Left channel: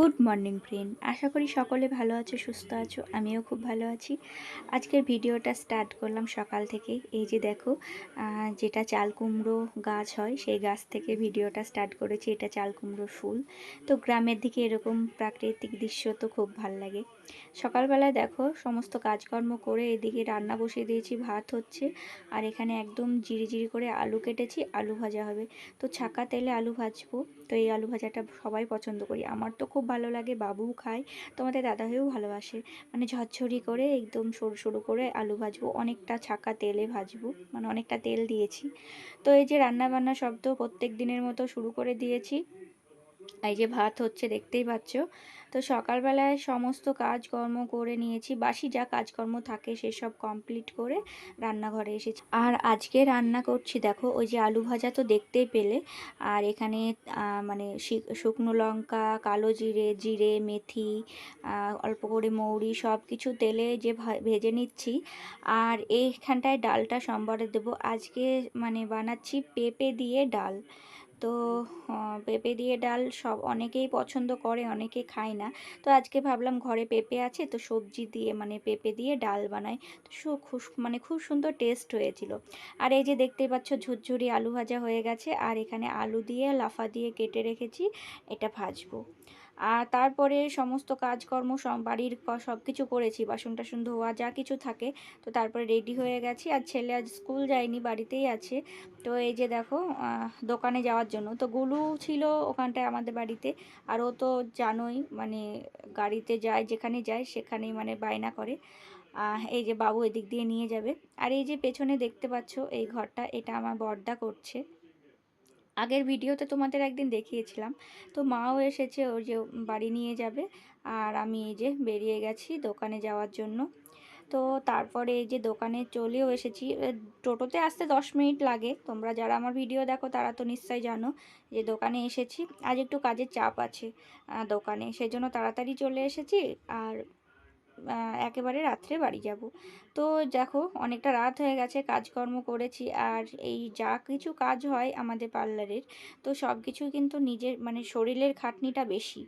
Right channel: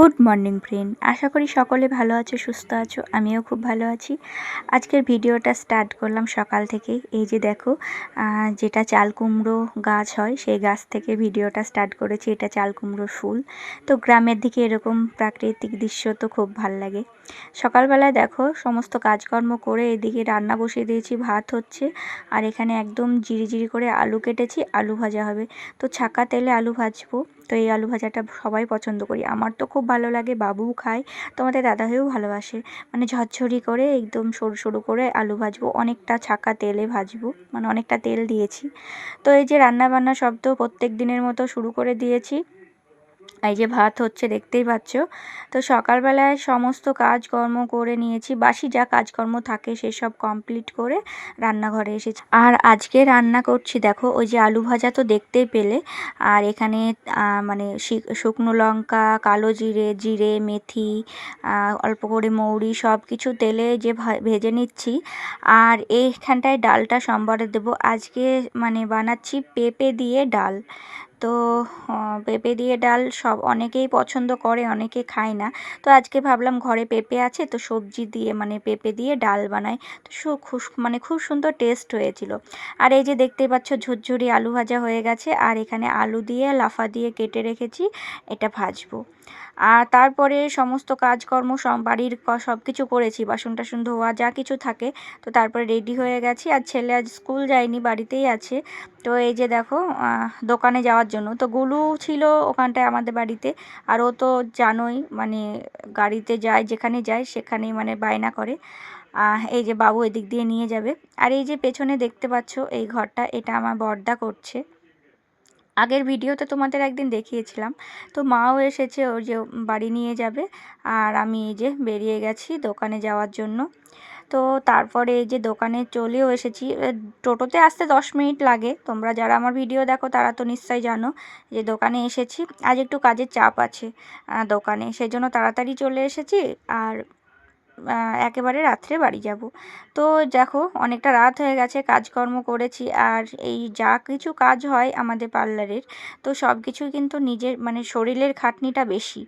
Good morning friend, আশা করি সকলে ভালো আছো, সুস্থ আছো। আমিও খুব ভালো আছি। আজকের ভিডিওটা স্টার্ট করলাম সকাল থেকে। এই যে দেখো, যেটা চাল কুমড়ো গাছ হয় সেই গাছ থেকে ভিডিওটা স্টার্ট করেছি। এটা চাল কুমড়োর ফুল। তো গ্রামের দিকে এরকম প্রাকৃতিক দৃশ্য তো খুব ভাল লাগে। সকালবেলায় দেখো সমস্ত কাজকর্ম করে এদিকে রান্না বসিয়ে দিয়েছি, ভাত হচ্ছে। আর এখানে একদম জিরি করে আলু কেটেছি, আলু ভাজা হবে। তো ছাকা তেলে আলু ভাজবো। তো এই আলু ভাজাটা সবাই পছন্দ করি, আমার তো খুব ভালো লাগে, বাবুও খায়, তোমাদের দাদাভাইও ভালোবাসে। মানে ঝরঝরি করে একদম সরু সরু করে আলু ভাজবো, অনেকটা ছাকা তেলে ভাজবো, মানে অনেকটা তেল দিয়েছি। তো এই যে রান্না বান্না সব তো প্রত্যেক দিনের মতো শুরু করে দিয়েছি। এই যে ভাত হচ্ছে, দেখতেই পাচ্ছ। তো সকালবেলায় সমস্ত কাজকর্ম করে নিয়েছি, বাসি যা কাজকর্ম থাকে সেসব কমপ্লিট করে রান্নাঘরে এসেছি। আর আজকে রান্না করছি দেখো, ওই যে আলু ভাজা তো দেখতেই পেলে। আর এখানে মানে শুকনো লঙ্কা, কালো জিরে মেথি, অল্প করে মৌরি সব কিছু তেলে যে ভেজে নিচ্ছি। আর এইখানটায় ডালটা সম্বারে দেবো আজকে, মানে বানাচ্ছি পেঁপে দিয়ে ডাল। তো পেঁপে দিয়ে ডাল অনেকেই পছন্দ করে, অনেকে খায় না। তো আজকে ভাবলাম ঘরে পেঁপে আছে, তো সবজি দিয়ে মানে পেঁপে দিয়ে ডাল বানাই। তো মানে খুব সুন্দর টেস্ট হয়েছিল। আর এই যে দেখতেই পাচ্ছ ঝুরঝুরি আলু ভাজা হয়ে গেছে। আর এখানে আলু দিয়ে লাফা দিয়ে কেটে রেখেছি, এটা ভাজবো। আর তারপরে সমস্ত কাজকর্ম বাড়ির সব কিছু করেছি, বাসন টাসন ধোয়া যা কিছু থাকে। তো তারপরে রেডি হয়ে গেছি। আর ছেলে আজ স্কুল যায়নি, বাড়িতেই আছে। তো এই যে দেখো, দোকানে যাওয়ার জন্য তো গুলু ছিল ওখানটায় আমাদের বাড়িতে। আর ও তো জানোই, মানে গাড়িতে যায়, যেখানে যায় সেখানেই মানে বায়না করে। এই যে বাবু এদিক দিয়ে নিয়ে যাবে। আর এই যে পেছনে দেখতে পাচ্ছ এই ঘরটা, এটা আমার বড়দা করছে। আগের ভিডিওতে তোমাদের একদিন দেখিয়েছিলাম। তো মাও এসেছে, ওর যে বাড়ি নিয়ে যাবে। আর আমি এই যে বেরিয়ে গেছি দোকানে যাওয়ার জন্য। তো তারপরে এই যে দোকানে চলেও এসেছি। টোটোতে আসতে 10 মিনিট লাগে, তোমরা যারা আমার ভিডিও দেখো তারা তো নিশ্চয়ই জানো যে দোকানে এসেছি। আজ একটু কাজের চাপ আছে দোকানে, সেই জন্য তাড়াতাড়ি চলে এসেছি। আর একেবারে রাত্রে বাড়ি যাব। তো দেখো অনেকটা রাত হয়ে গেছে, কাজকর্ম করেছি। আর এই যা কিছু কাজ হয় আমাদের পার্লারের, তো সব কিছুই কিন্তু নিজের মানে শরীরের খাটনিটা বেশি।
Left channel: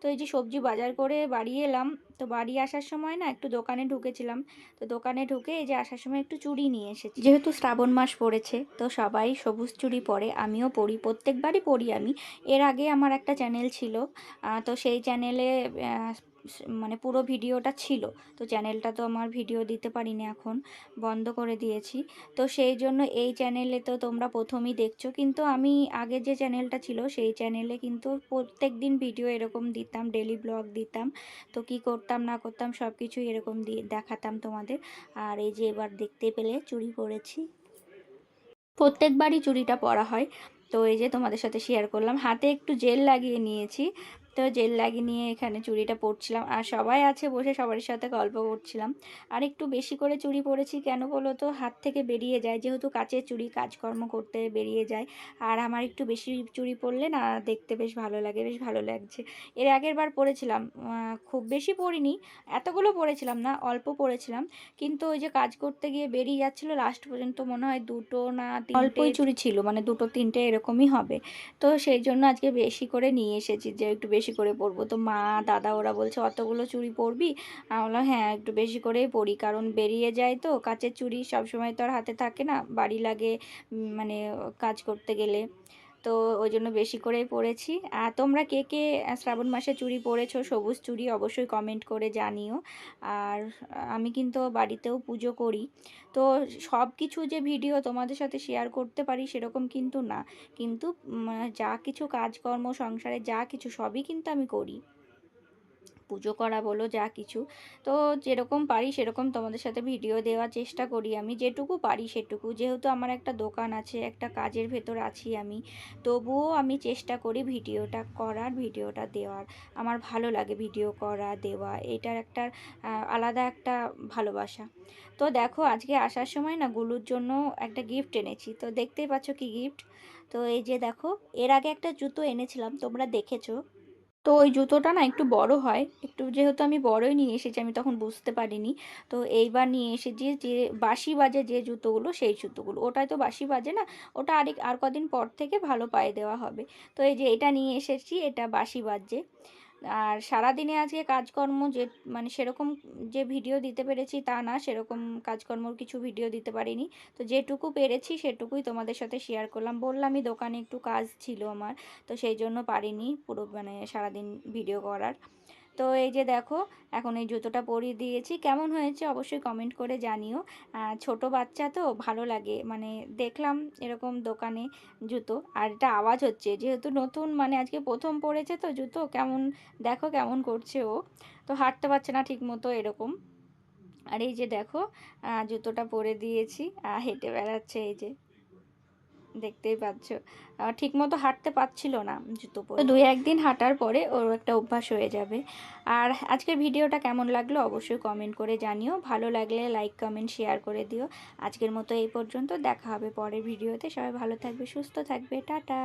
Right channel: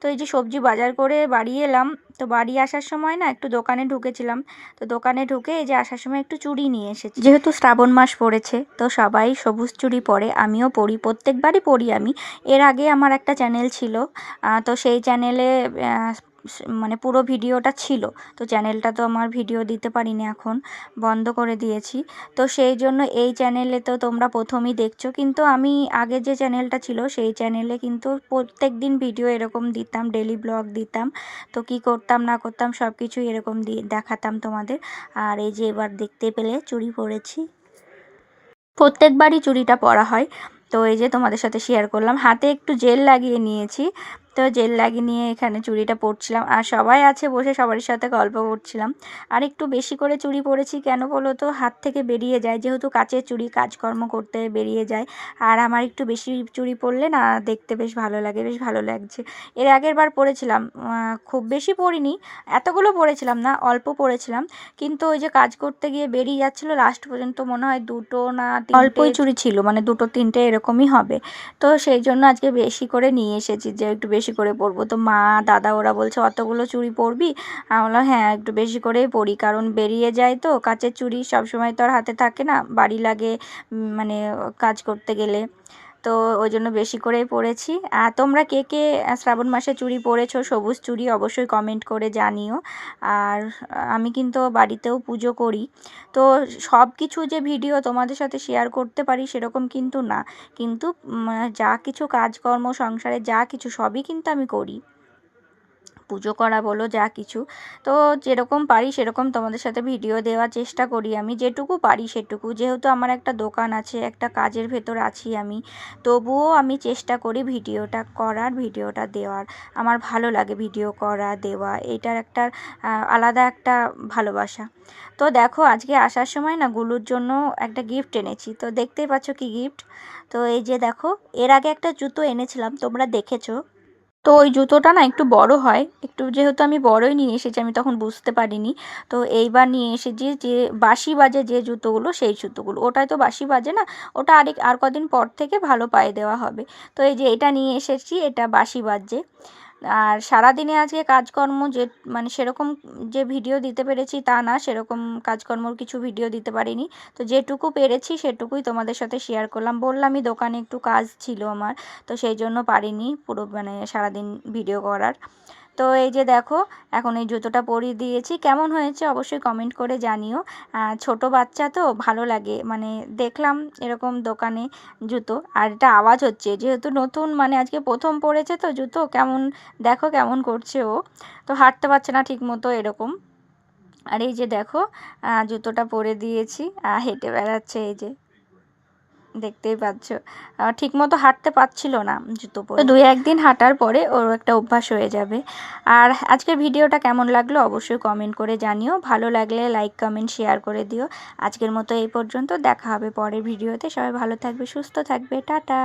তো এই যে সবজি বাজার করে বাড়ি এলাম। তো বাড়ি আসার সময় না একটু দোকানে ঢুকেছিলাম। তো দোকানে ঢুকে এই যে আসার সময় একটু চুড়ি নিয়ে এসেছি, যেহেতু শ্রাবণ মাস পড়েছে। তো সবাই সবুজ চুড়ি পরে, আমিও পরি, প্রত্যেকবারই পরি আমি। এর আগে আমার একটা চ্যানেল ছিল, তো সেই চ্যানেলে মানে পুরো ভিডিওটা ছিল। তো চ্যানেলটা তো আমার ভিডিও দিতে পারিনি, এখন বন্ধ করে দিয়েছি। তো সেই জন্য এই চ্যানেলে তো তোমরা প্রথমেই দেখছো, কিন্তু আমি আগে যে চ্যানেলটা ছিল সেই চ্যানেলে কিন্তু প্রত্যেক দিন ভিডিও এরকম দিতাম, ডেলি ব্লগ দিতাম। তো কি করতাম না করতাম সব কিছুই এরকম দেখাতাম তোমাদের। আর এই যে এবার দেখতে পেলে চুড়ি পরেছি, প্রত্যেকবারই চুড়িটা পরা হয়। তো এই যে তোমাদের সাথে শেয়ার করলাম, হাতে একটু জেল লাগিয়ে নিয়েছি। তো জেল লাগিয়ে নিয়ে এখানে চুড়িটা পরছিলাম, আর সবাই আছে বসে সবার সাথে গল্প করছিলাম। আর একটু বেশি করে চুড়ি পরেছি, কেন বলো তো, হাত থেকে বেরিয়ে যায়, যেহেতু কাচের চুড়ি, কাজকর্ম করতে বেরিয়ে যায়। আর আমার একটু বেশি চুড়ি পরলে না দেখতে বেশ ভালো লাগে, বেশ ভালো লাগছে। এর আগের বার পরেছিলাম, খুব বেশি পরিনি, এতগুলো পরেছিলাম না, অল্প পরেছিলাম। কিন্তু ওই যে কাজ করতে গিয়ে বেরিয়ে যাচ্ছিল, লাস্ট পর্যন্ত মনে হয় দুটো না অল্পই চুড়ি ছিল, মানে দুটো তিনটে এরকমই হবে। তো সেই জন্য আজকে বেশি করে নিয়ে এসেছি, যে একটু বেশি করে পরবো। তো মা দাদা ওরা বলছে অতগুলো চুড়ি পরবি? আমি বললাম হ্যাঁ একটু বেশি করেই পরি, কারণ বেরিয়ে যায় তো, কাচের চুড়ি সবসময় তো আর হাতে থাকে না, বাড়ি লাগে মানে কাজ করতে গেলে। তো ওই জন্য বেশি করেই পরেছি। আর তোমরা কে কে শ্রাবণ মাসে চুড়ি পরেছো, সবুজ চুড়ি, অবশ্যই কমেন্ট করে জানিও। আর আমি কিন্তু বাড়িতেও পুজো করি। তো সব কিছু যে ভিডিও তোমাদের সাথে শেয়ার করতে পারি সেরকম কিন্তু না, কিন্তু যা কিছু কাজকর্ম সংসারে যা কিছু সবই কিন্তু আমি করি, পুজো করা বলো যা কিছু। তো যেরকম পারি সেরকম তোমাদের সাথে ভিডিও দেওয়ার চেষ্টা করি, আমি যেটুকু পারি সেটুকু। যেহেতু আমার একটা দোকান আছে, একটা কাজের ভেতর আছি আমি, তবুও আমি চেষ্টা করি ভিডিওটা করার, ভিডিওটা দেওয়ার। আমার ভালো লাগে ভিডিও করা, দেওয়া, এটার একটা আলাদা একটা ভালোবাসা। তো দেখো আজকে আসার সময় না গুলুর জন্য একটা গিফট এনেছি, তো দেখতেই পাচ্ছ কি গিফট। তো এই যে দেখো, এর আগে একটা জুতো এনেছিলাম, তোমরা দেখেছো। তো ওই জুতোটা না একটু বড় হয়, একটু যেহেতু আমি বড়ই নিয়ে এসেছি, আমি তখন বুঝতে পারিনি। তো এইবার নিয়ে এসেছি যে বাঁশি বাজে যে জুতোগুলো, সেই জুতোগুলো, ওটাই তো বাঁশি বাজে না, ওটা আর কদিন পর থেকে ভালো পায়ে দেওয়া হবে। তো এই যে এটা নিয়ে এসেছি, এটা বাঁশি বাজে। আর সারাদিনে আজকে কাজকর্ম যে মানে সেরকম যে ভিডিও দিতে পেরেছি তা না, সেরকম কাজকর্মর কিছু ভিডিও দিতে পারিনি। তো যেটুকু পেরেছি সেটুকুই তোমাদের সাথে শেয়ার করলাম। বললামই দোকানে একটু কাজ ছিল আমার, তো সেই জন্য পারিনি পুরো মানে সারাদিন ভিডিও করার। তো এই যে দেখো, এখন এই জুতোটা পরিয়ে দিয়েছি। কেমন হয়েছে অবশ্যই কমেন্ট করে জানিও। ছোট বাচ্চা তো ভালো লাগে, মানে দেখলাম এরকম দোকানে জুতো। আর এটা আওয়াজ হচ্ছে যেহেতু নতুন, মানে আজকে প্রথম পরেছে তো জুতো, কেমন দেখো কেমন করছে ও, তো হাঁটতে পারছে না ঠিক মতো এরকম। আর এই যে দেখো, জুতোটা পরে দিয়েছি, হেঁটে বেড়াচ্ছে এই যে, দেখতেই পাচ্ছ। ঠিকমতো হাঁটতে পারছিল না জুতো পরে। তো 2-1 দিন হাঁটার পরে ওর একটা অভ্যাস হয়ে যাবে। আর আজকের ভিডিওটা কেমন লাগলো অবশ্যই কমেন্ট করে জানিও। ভালো লাগলে লাইক কমেন্ট শেয়ার করে দিও। আজকের মতো এই পর্যন্ত, দেখা হবে পরের ভিডিওতে। সবাই ভালো থাকবে, সুস্থ থাকবে, টাটা।